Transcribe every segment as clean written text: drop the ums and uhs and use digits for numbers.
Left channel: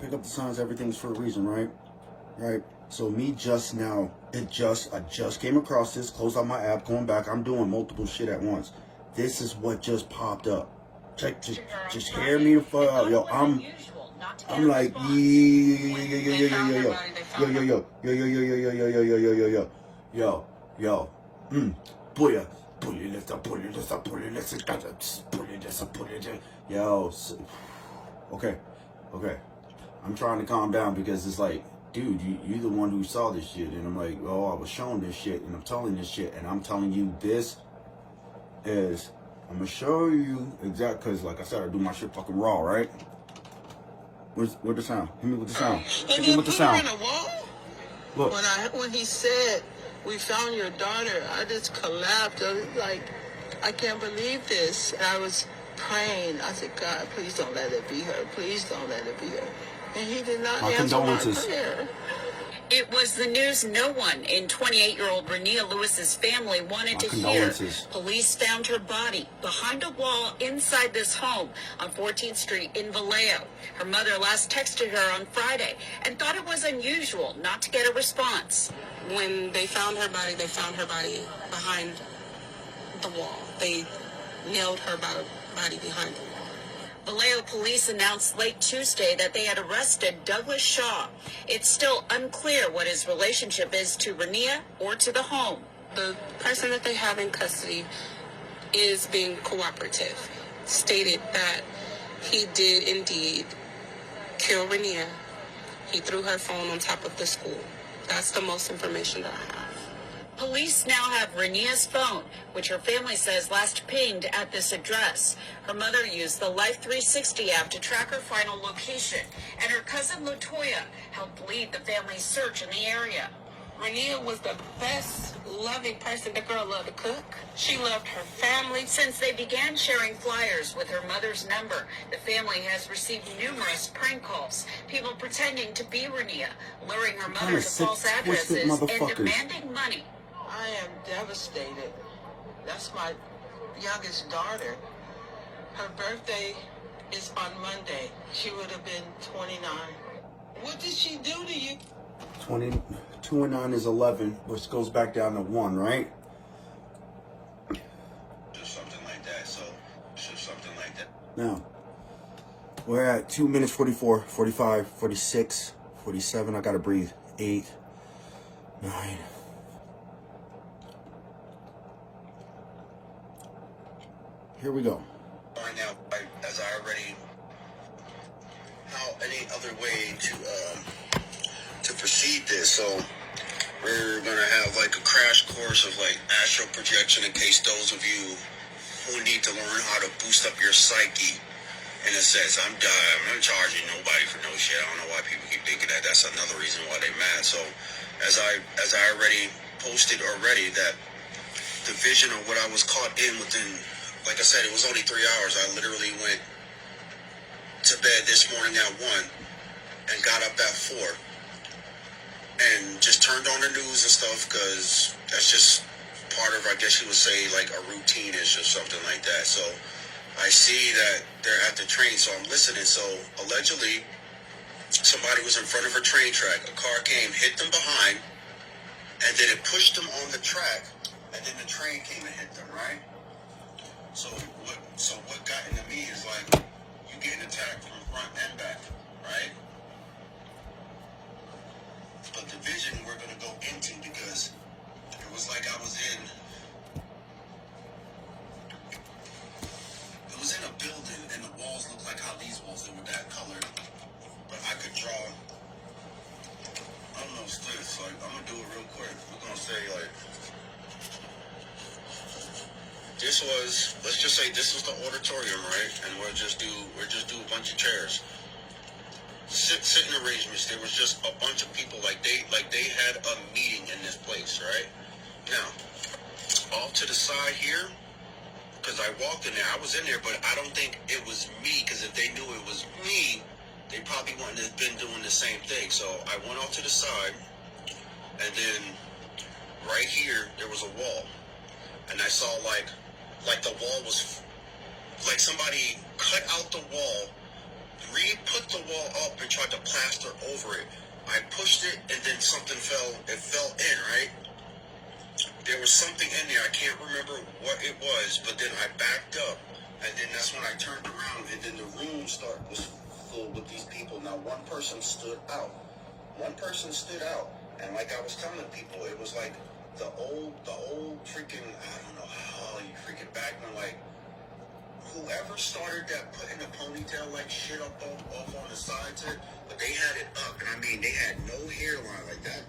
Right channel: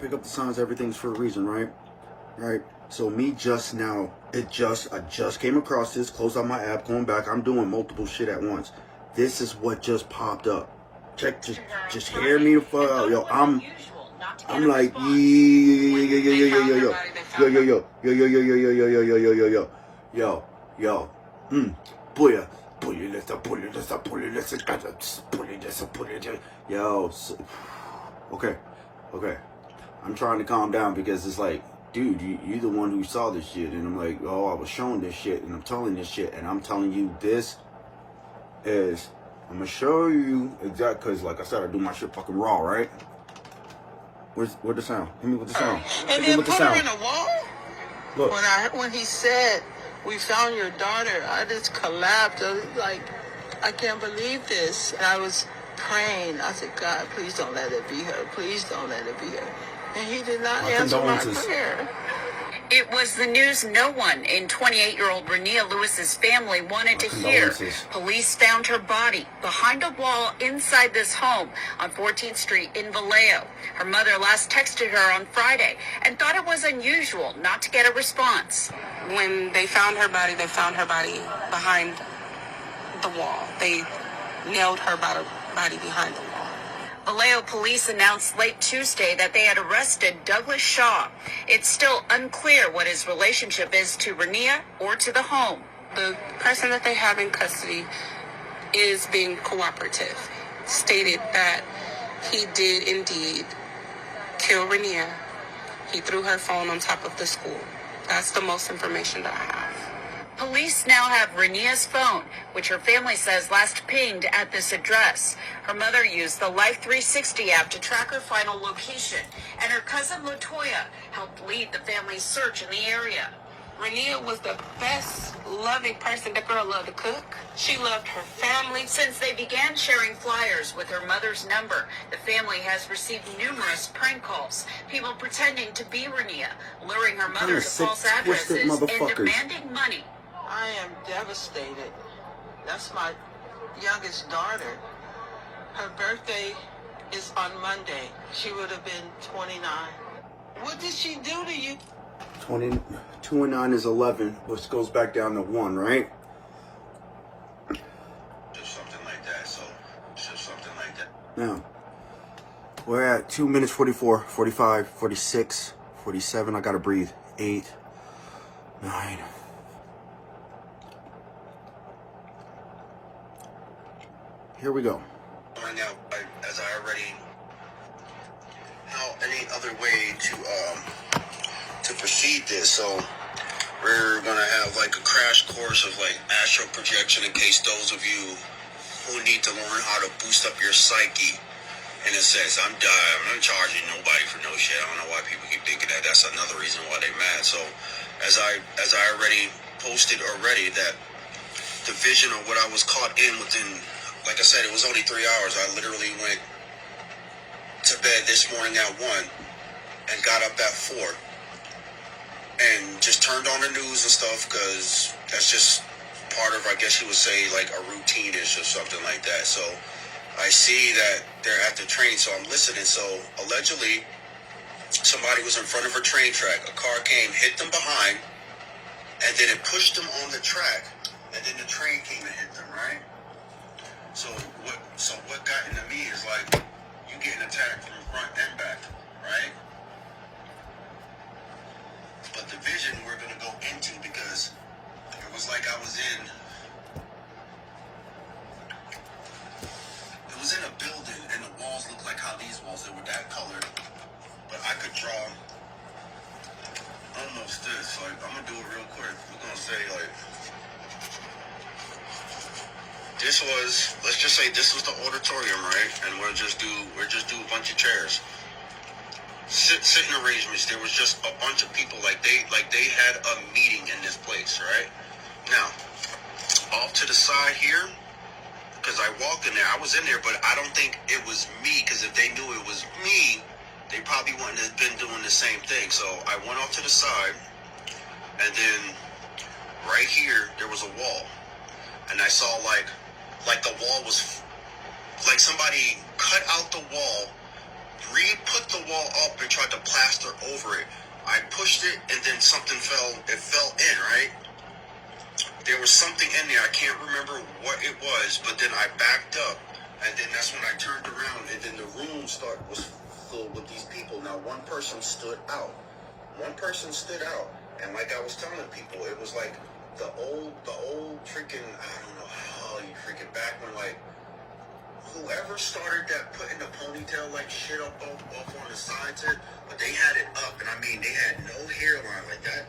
Pick up the signs, everything's for a reason, right? Right? So me just now, I just came across this, closed out my app, going back, I'm doing multiple shit at once. This is what just popped up. Check, just hear me the fuck out, yo. I'm like, yo. Booyah. Yo. Okay. I'm trying to calm down because it's like, dude, you're the one who saw this shit. And I'm like, oh, I was shown this shit. And I'm telling this shit. And I'm telling you this is, I'm going to show you exactly, because like I said, I do my shit fucking raw, right? Where's the sound? Hit me with the sound. And then put her in a wall? Look. When he said, we found your daughter, I just collapsed. I was like, I can't believe this. And I was praying. I said, God, please don't let it be her. Please don't let it be her. And he did not answer my prayer. It was the news no one in 28-year-old Rania Lewis's family wanted to hear. Police found her body behind a wall inside this home on 14th Street in Vallejo. Her mother last texted her on Friday and thought it was unusual not to get a response. When they found her body behind the wall. They nailed her body behind the wall. Vallejo police announced late Tuesday that they had arrested Douglas Shaw. It's still unclear what his relationship is to Rania or to the home. The person that they have in custody is being cooperative. Stated that he did indeed kill Rania. He threw her phone on top of the school. That's the most information that I have. Police now have Rania's phone, which her family says last pinged at this address. Her mother used the Life 360 app to track her final location, and her cousin LaToya helped lead the family's search in the area. Rania was the best loving person. The girl loved to cook. She loved her family. Since they began sharing flyers with her mother's number, the family has received numerous prank calls. People pretending to be Rania, luring her mother to false addresses and demanding money. I am devastated. That's my youngest daughter. Her birthday is on Monday. She would have been 29. What did she do to you? 2 and 9 is 11, which goes back down to 1, right? Just something like that, so just something like that. Now, we're at 2 minutes 44, 45, 46, 47. I gotta breathe. 8, 9. Here we go. Find out, as I already, how any other way to proceed this. So we're gonna have like a crash course of like astral projection in case those of you who need to learn how to boost up your psyche. In a sense, I'm not charging nobody for no shit. I don't know why people keep thinking that. That's another reason why they mad. So as I already posted that the vision of what I was caught in within. Like I said, it was only 3 hours. I literally went to bed this morning at 1 and got up at 4 and just turned on the news and stuff because that's just part of, I guess you would say, like a routine-ish or something like that. So I see that they're at the train, so I'm listening. So allegedly, somebody was in front of a train track. A car came, hit them behind, and then it pushed them on the track, and then the train came and hit them, right? So what got into me is like you getting attacked from front and back, right? But the vision we're gonna go into because it was like I was in a building and the walls looked like how these walls, they were that color, but I could draw almost this. Like I'm gonna do it real quick. We're gonna say like this was, let's just say this was the auditorium, right? And we'll just do a bunch of chairs. Sitting arrangements, there was just a bunch of people, like they had a meeting in this place, right? Now, off to the side here, because I walked in there, I was in there, but I don't think it was me, because if they knew it was me, they probably wouldn't have been doing the same thing. So I went off to the side, and then right here, there was a wall. And I saw like the wall was, like somebody cut out the wall re-put the wall up and tried to plaster over it. I pushed it, and then something fell. It fell in, right? There was something in there. I can't remember what it was, but then I backed up, and then that's when I turned around, and then the room was filled with these people. Now, one person stood out. One person stood out, and like I was telling people, it was like the old freaking, I don't know how you freaking back when, like, whoever started that putting the ponytail like shit off on the sides here, but they had it up, and I mean, they had no hairline like that.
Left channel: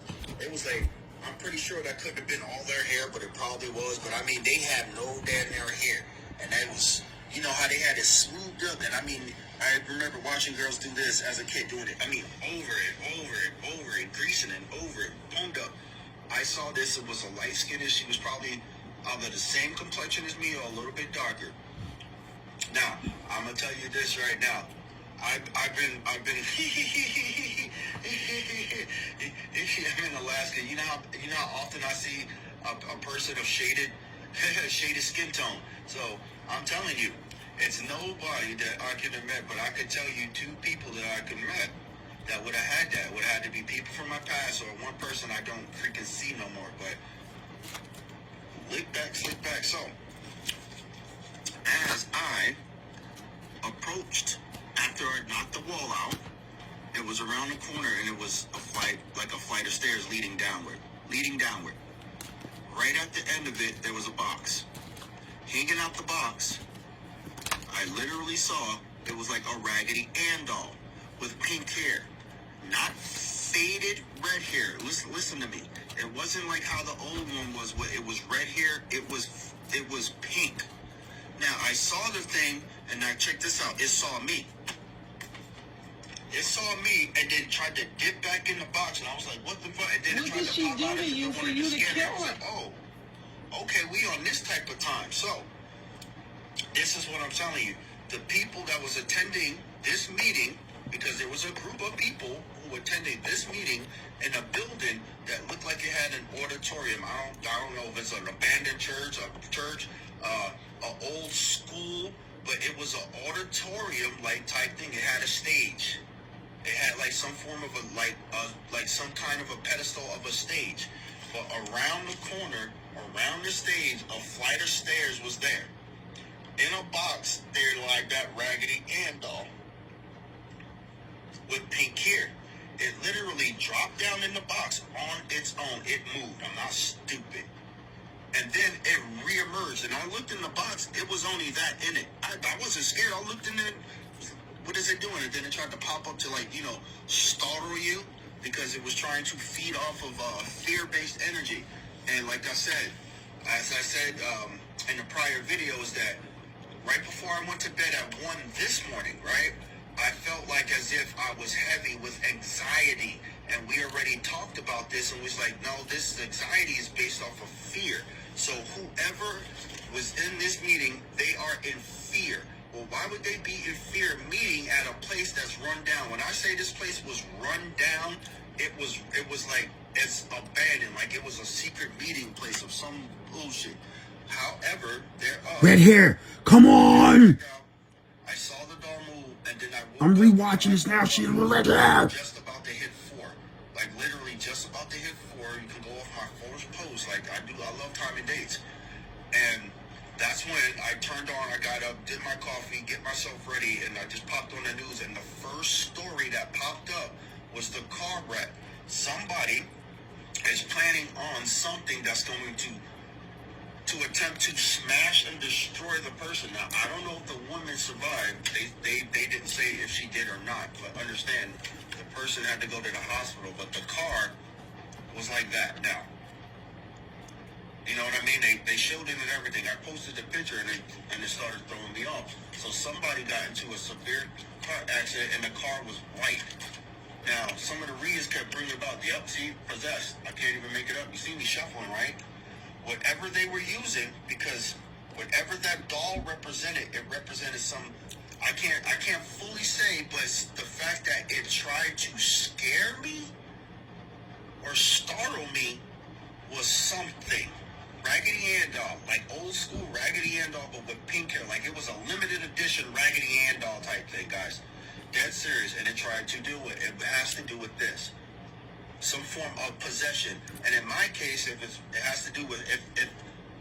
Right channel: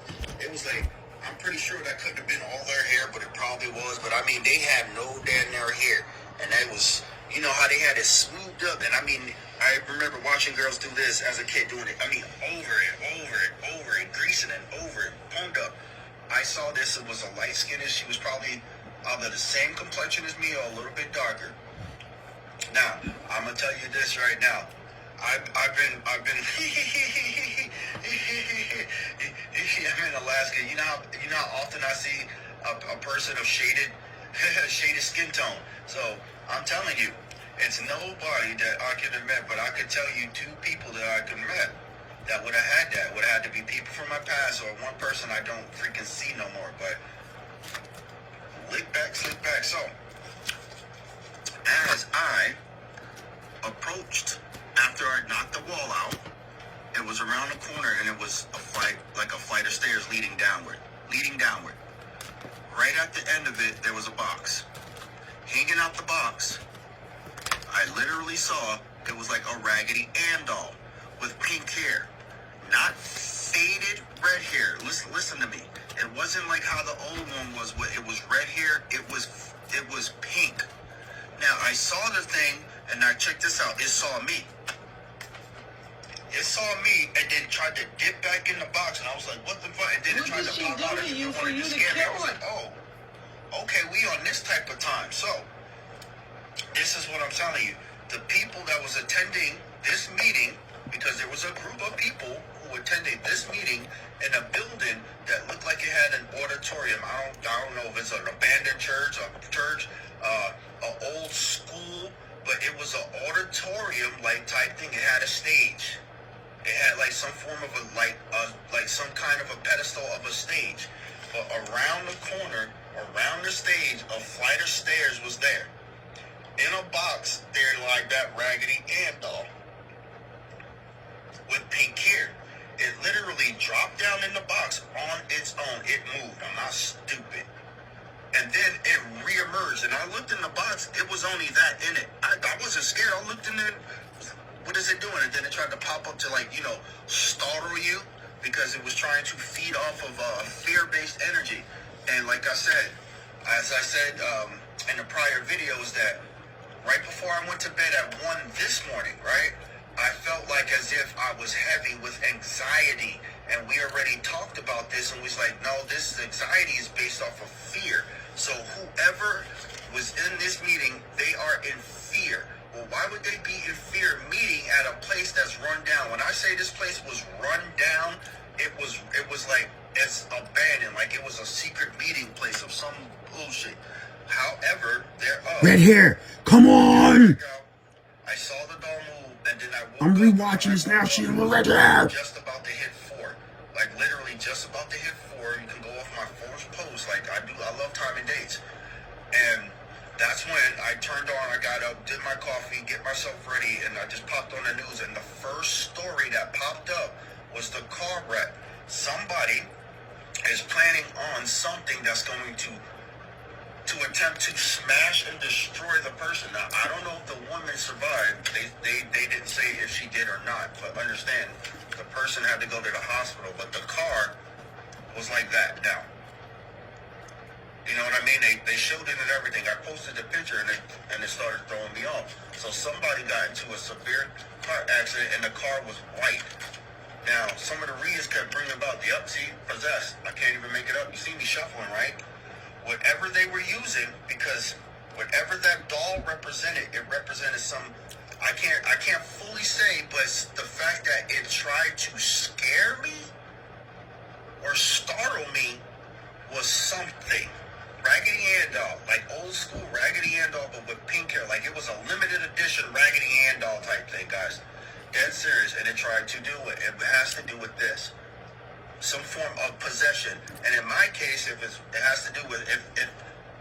It was like, I'm pretty sure that couldn't have been all their hair, but it probably was. But I mean, they had no damn near hair, and that was, you know how they had it smoothed up. And I mean, I remember watching girls do this as a kid, doing it. I mean, over it, greasing and over it, pumped up. I saw this. It was a light skinned. She was probably either the same complexion as me or a little bit darker. Now, I'm gonna tell you this right now. I've been I'm in Alaska. You know how often I see a person of shaded skin tone. So I'm telling you, it's nobody that I could have met, but I could tell you 2 people that I could have met that would have had that. Would have had to be people from my past or one person I don't freaking see no more. But slick back. So as I approached, after I knocked the wall out, it was around the corner, and it was a flight of stairs leading downward. Right at the end of it, there was a box. Hanging out the box, I literally saw it was like a Raggedy Ann doll with pink hair, not faded red hair. Listen to me. It wasn't like how the old one was. It was red hair. It was pink. Now, I saw the thing, and now check this out. It saw me. It saw me, and then tried to dip back in the box, and I was like, what the fuck? And then it tried to pop out, and it wanted to scare me. I was like, oh, okay, we on this type of time. So, this is what I'm telling you. The people that was attending this meeting, because there was a group of people who attended this meeting in a building that looked like it had an auditorium. I don't know if it's an abandoned church, an old school, but it was an auditorium-like type thing. It had a stage. It had like some form of like some kind of a pedestal of a stage. But around the corner, around the stage, a flight of stairs was there. In a box, there like that Raggedy Ann doll with pink hair. It literally dropped down in the box on its own. It moved. I'm not stupid. And then it reemerged, and I looked in the box. It was only that in it. I wasn't scared. I looked in there. What is it doing? And then it tried to pop up to, like, startle you, because it was trying to feed off of fear-based energy. And like I said, as I said in the prior videos, that right before I went to bed at 1 this morning, right, I felt like as if I was heavy with anxiety. And we already talked about this, and was like, no, this anxiety is based off of fear. So whoever was in this meeting, they are in fear. Well, why would they be in fear meeting at a place that's run down? When I say this place was run down, it was like it's abandoned, like it was a secret meeting place of some bullshit. However, red hair, come on! I saw the doll move, and then I woke I'm up, rewatching this now. She's red hair. Just about to hit 4. Like literally just about to hit 4. You can go off my first post. Like I do. I love timing dates. And that's when I turned on, I got up, did my coffee, get myself ready, and I just popped on the news. And the first story that popped up was the car wreck. Somebody is planning on something that's going to attempt to smash and destroy the person. Now, I don't know if the woman survived. They didn't say if she did or not, but understand, the person had to go to the hospital, but the car was like that now. You know what I mean? They showed it and everything. I posted the picture, and it started throwing me off. So somebody got into a severe car accident, and the car was white. Now, some of the reads kept bringing about the possessed. I can't even make it up. You see me shuffling, right? Whatever they were using, because whatever that doll represented, it represented some, I can't fully say, but the fact that it tried to scare me or startle me was something. Raggedy Ann doll, like old school Raggedy Ann doll, but with pink hair. Like it was a limited edition Raggedy Ann doll type thing, guys. dead serious, and it tried to do it. It has to do with this. Some form of possession. And in my case, it has to do with, if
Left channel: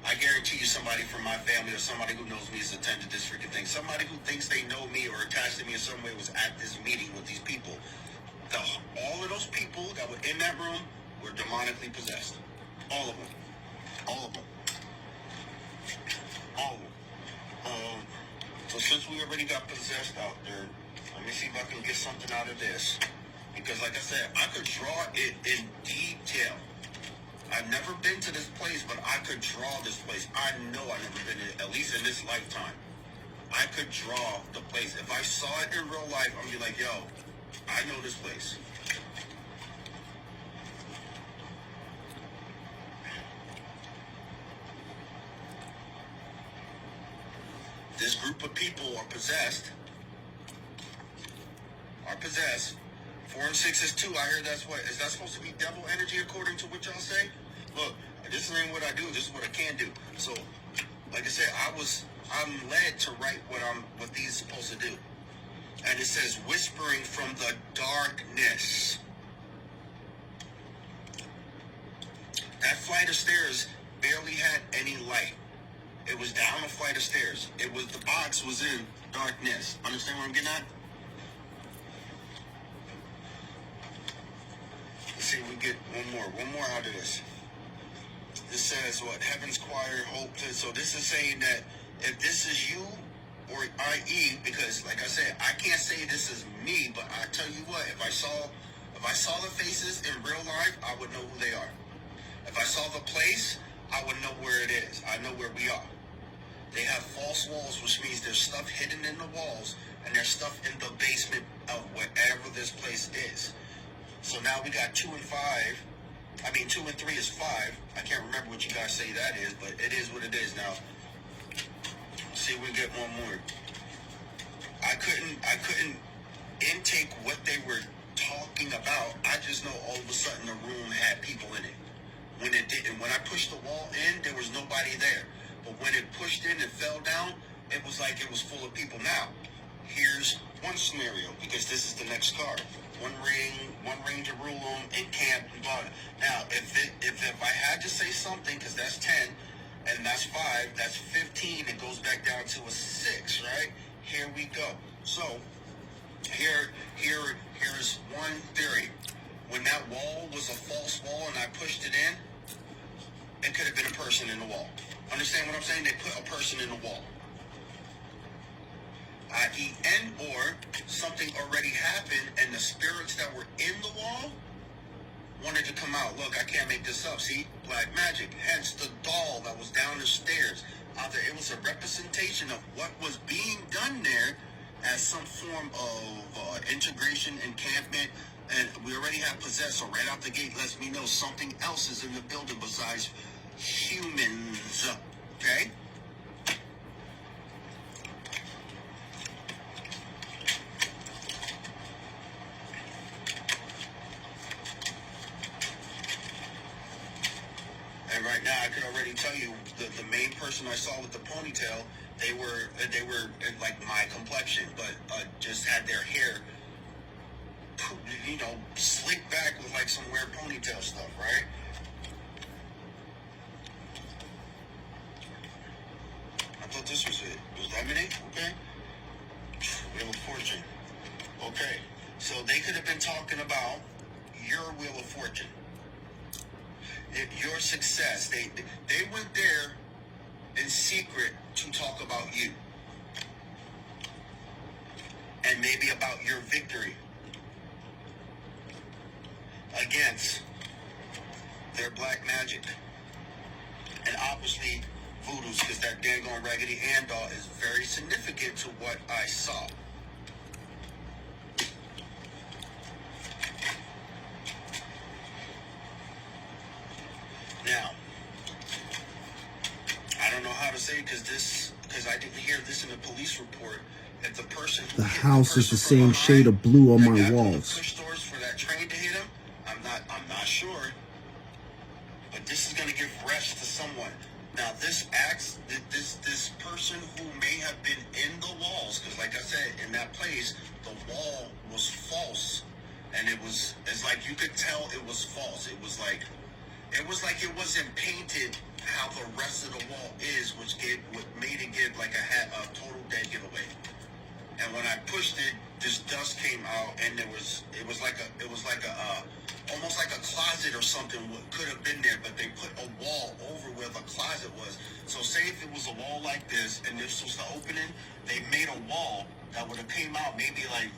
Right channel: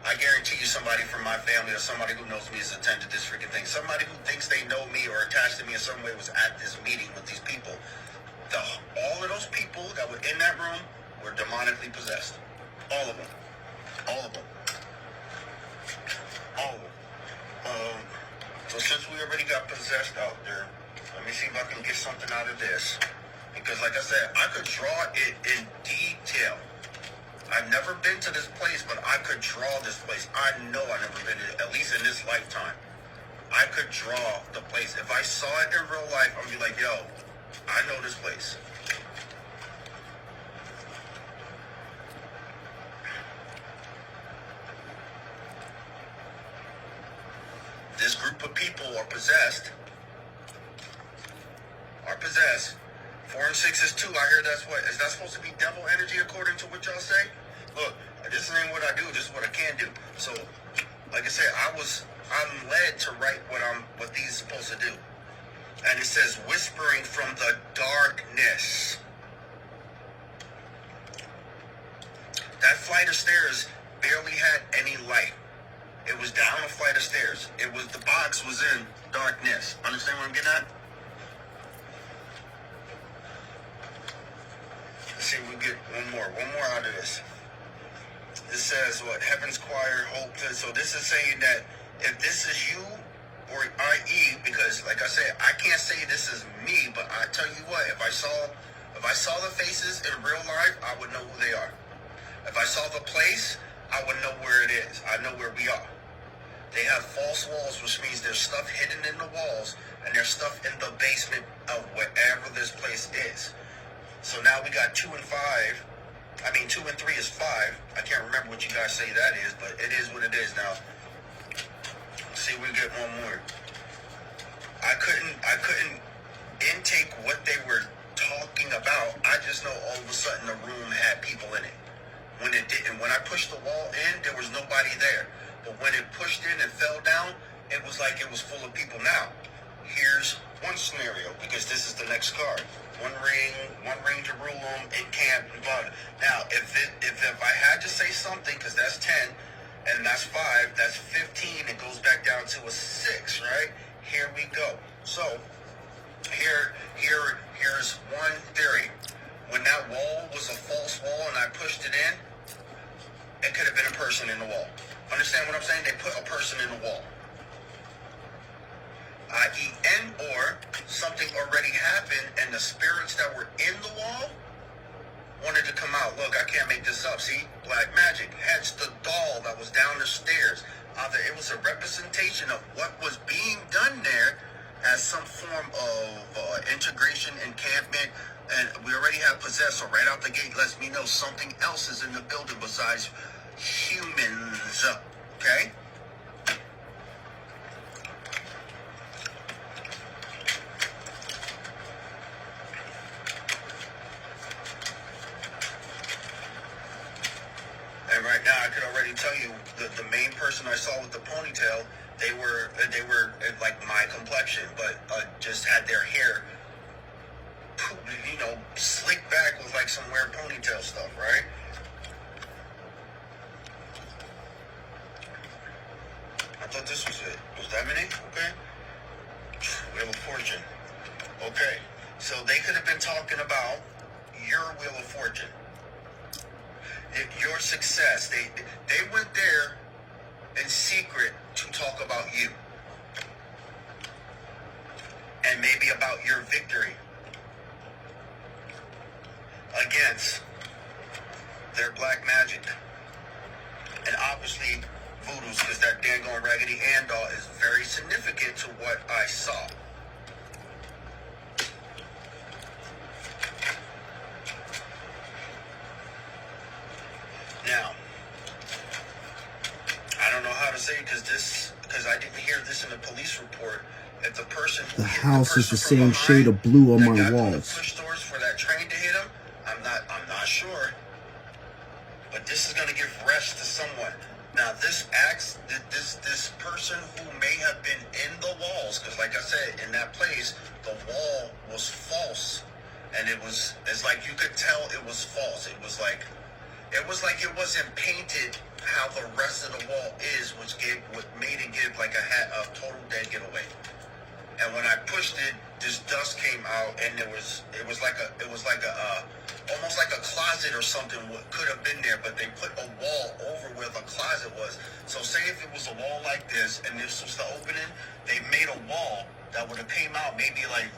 I guarantee you somebody from my family or somebody who knows me has attended this freaking thing. Somebody who thinks they know me or attached to me in some way was at this meeting with these people. All of those people that were in that room were demonically possessed. All of them. All of them. All of them. So since we already got possessed out there, let me see if I can get something out of this. Because like I said, I could draw it in detail. I've never been to this place, but I could draw this place. I know I've never been in it, at least in this lifetime. I could draw the place. If I saw it in real life, I'm be like, yo, I know this place. This group of people are possessed. 4 and 6 is 2. I hear that's what, is that supposed to be devil energy according to what y'all say? Look, this ain't what I do. This is what I can do. So, like I said, I'm led to write what these are supposed to do. And it says, whispering from the darkness. That flight of stairs barely had any light. It was down a flight of stairs. The box was in darkness. Understand what I'm getting at? Let's see if we get one more out of this. It says what? Heaven's choir, hope. So this is saying that if this is you, or i.e., because like I said, I can't say this is me, but I tell you what, if I saw the faces in real life, I would know who they are. If I saw the place, I would know where it is. I know where we are. They have false walls, which means there's stuff hidden in the walls, and there's stuff in the basement of wherever this place is. So now we got 2 and 5. I mean, 2 and 3 is 5. I can't remember what you guys say that is, but it is what it is now. Let's see if we get one more. I couldn't intake what they were talking about. I just know all of a sudden the room had people in it. When it didn't, when I pushed the wall in, there was nobody there. But when it pushed in and fell down, it was like it was full of people. Now, here's one scenario, because this is the next card. One ring Jerusalem, encamp, blah. Now, if I had to say something, because that's 10, and that's 5, that's 15, it goes back down to a 6, right? Here we go. So, here's one theory. When that wall was a false wall and I pushed it in, it could have been a person in the wall. Understand what I'm saying? They put a person in the wall. I.e., or something already happened and the spirits that were in the wall wanted to come out. Look, I can't make this up. See? Black magic. Hence the doll that was down the stairs. Either it was a representation of what was being done there as some form of integration, encampment, and we already have possessed. So right out the gate lets me know something else is in the building besides humans. Okay? And right now, I could already tell you the main person I saw with the ponytail, they were like my complexion, but just had their hair, slicked back with like some weird ponytail stuff, right? I thought this was it. Was that many? Okay. Wheel of Fortune. Okay. So they could have been talking about your Wheel of Fortune. Your success. They went there in secret to talk about you. And maybe about your victory against their black magic. And obviously voodoos, because that dang on Raggedy Ann doll is very significant to what I saw. Now, I don't know how to say because I didn't hear this in the police report. If the person who the house is the same shade of blue on my walls. Push doors for that train to hit him. I'm not sure. But this is going to give rest to someone. Now this person who may have been in the walls, because like I said, in that place, the wall was false, and it's like you could tell it was false. It was like it wasn't painted how the rest of the wall is, what made it give like a total dead giveaway. And when I pushed it, this dust came out, and it was like almost like a closet or something. What could have been there, but they put a wall over where the closet was. So say if it was a wall like this, and this was the opening, they made a wall that would have came out maybe like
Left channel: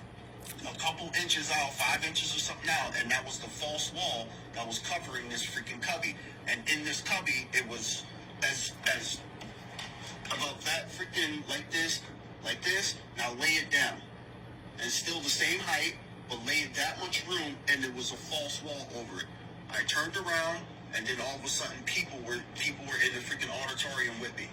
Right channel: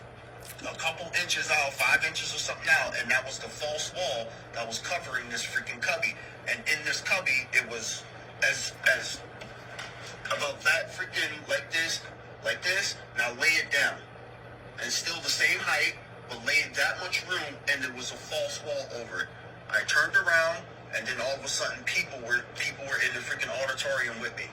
a couple inches out, 5 inches or something out, and that was the false wall that was covering this freaking cubby. And in this cubby, it was as about that freaking like this. Now lay it down, and still the same height, but laid that much room, and there was a false wall over it. I turned around, and then all of a sudden, people were in the freaking auditorium with me.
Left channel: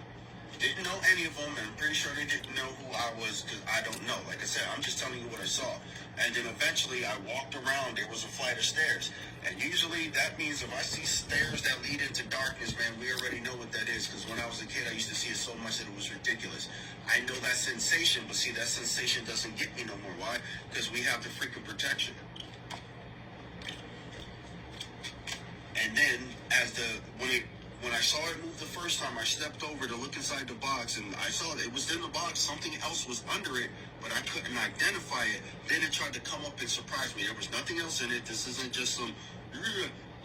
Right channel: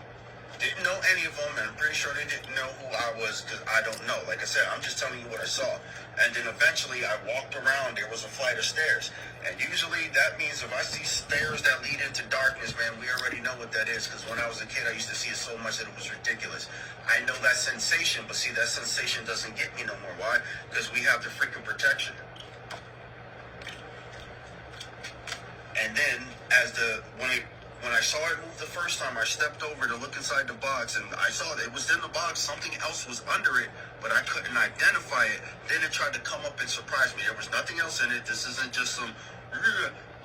Didn't know any of them, and I'm pretty sure they didn't know who I was, because I don't know. Like I said, I'm just telling you what I saw. And then eventually I walked around, there was a flight of stairs. And usually that means if I see stairs that lead into darkness, man, we already know what that is, because when I was a kid, I used to see it so much that it was ridiculous. I know that sensation, but see, that sensation doesn't get me no more. Why? Because we have the freaking protection. And then when I saw it move the first time, I stepped over to look inside the box, and I saw that it was in the box. Something else was under it, but I couldn't identify it. Then it tried to come up and surprise me. There was nothing else in it. This isn't just some...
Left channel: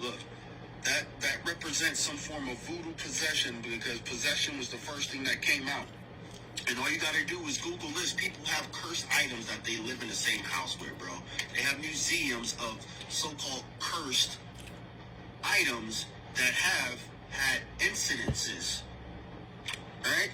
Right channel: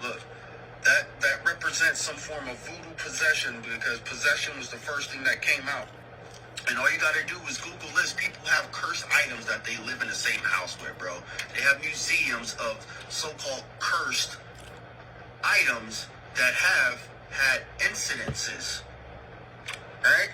Look, that represents some form of voodoo possession, because possession was the first thing that came out. And all you gotta do is Google this. People have cursed items that they live in the same house with, bro. They have museums of so-called cursed items that have had incidences. Alright?